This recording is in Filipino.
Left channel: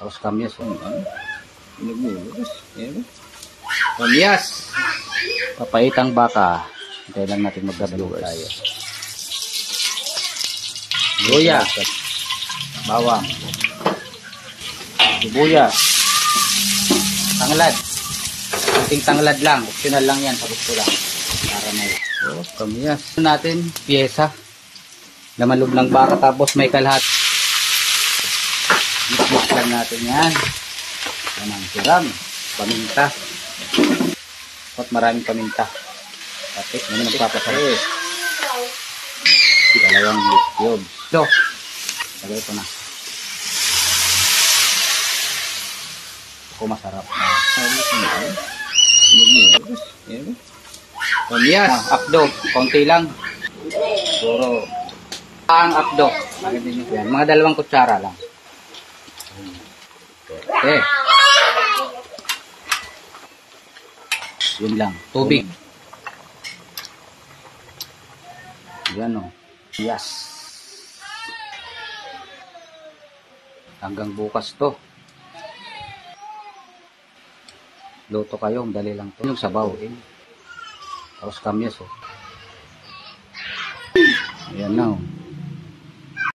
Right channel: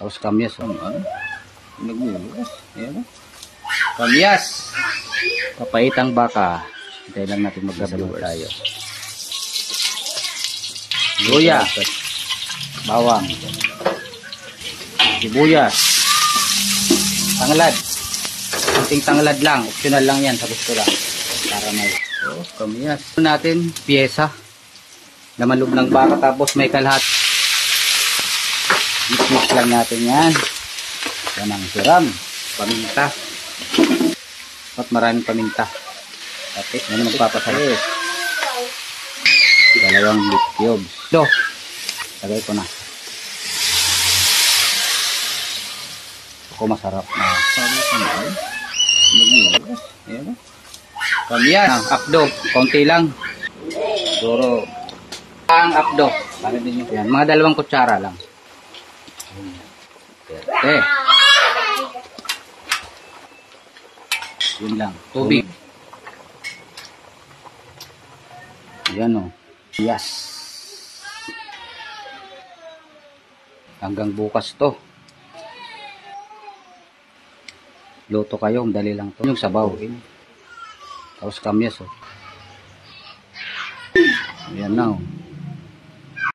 Tapos kamyas. Kamyas. Papaitang baka. Hintay lang natin mag-viewers tayo. Luya. Bawang. Sibuyas. Tanglad. Kunting tanglad lang. Optional lang yan. Sa gusto lang. Para may. Oh, kamyas. Natin, pyesa. Laman loob ng baka. Tapos may kalhat. Mix lang natin yan. Yan ang siram. Paminta. At maraming paminta. Tapos naman nagpapasaya. Dalawang liquid. So, lagay ko na. Ako masarap na. Kamyas. Apdo. Konti lang. Siguro. Ang apdo. Bakit din yan? Mga 2 kutsara lang. Okay. Yun lang. Tubig. Yan o. Yes. Hanggang bukas to. Luto kayo. Dali lang to. Yung sabaw. Tapos kamyas o. Yan na o.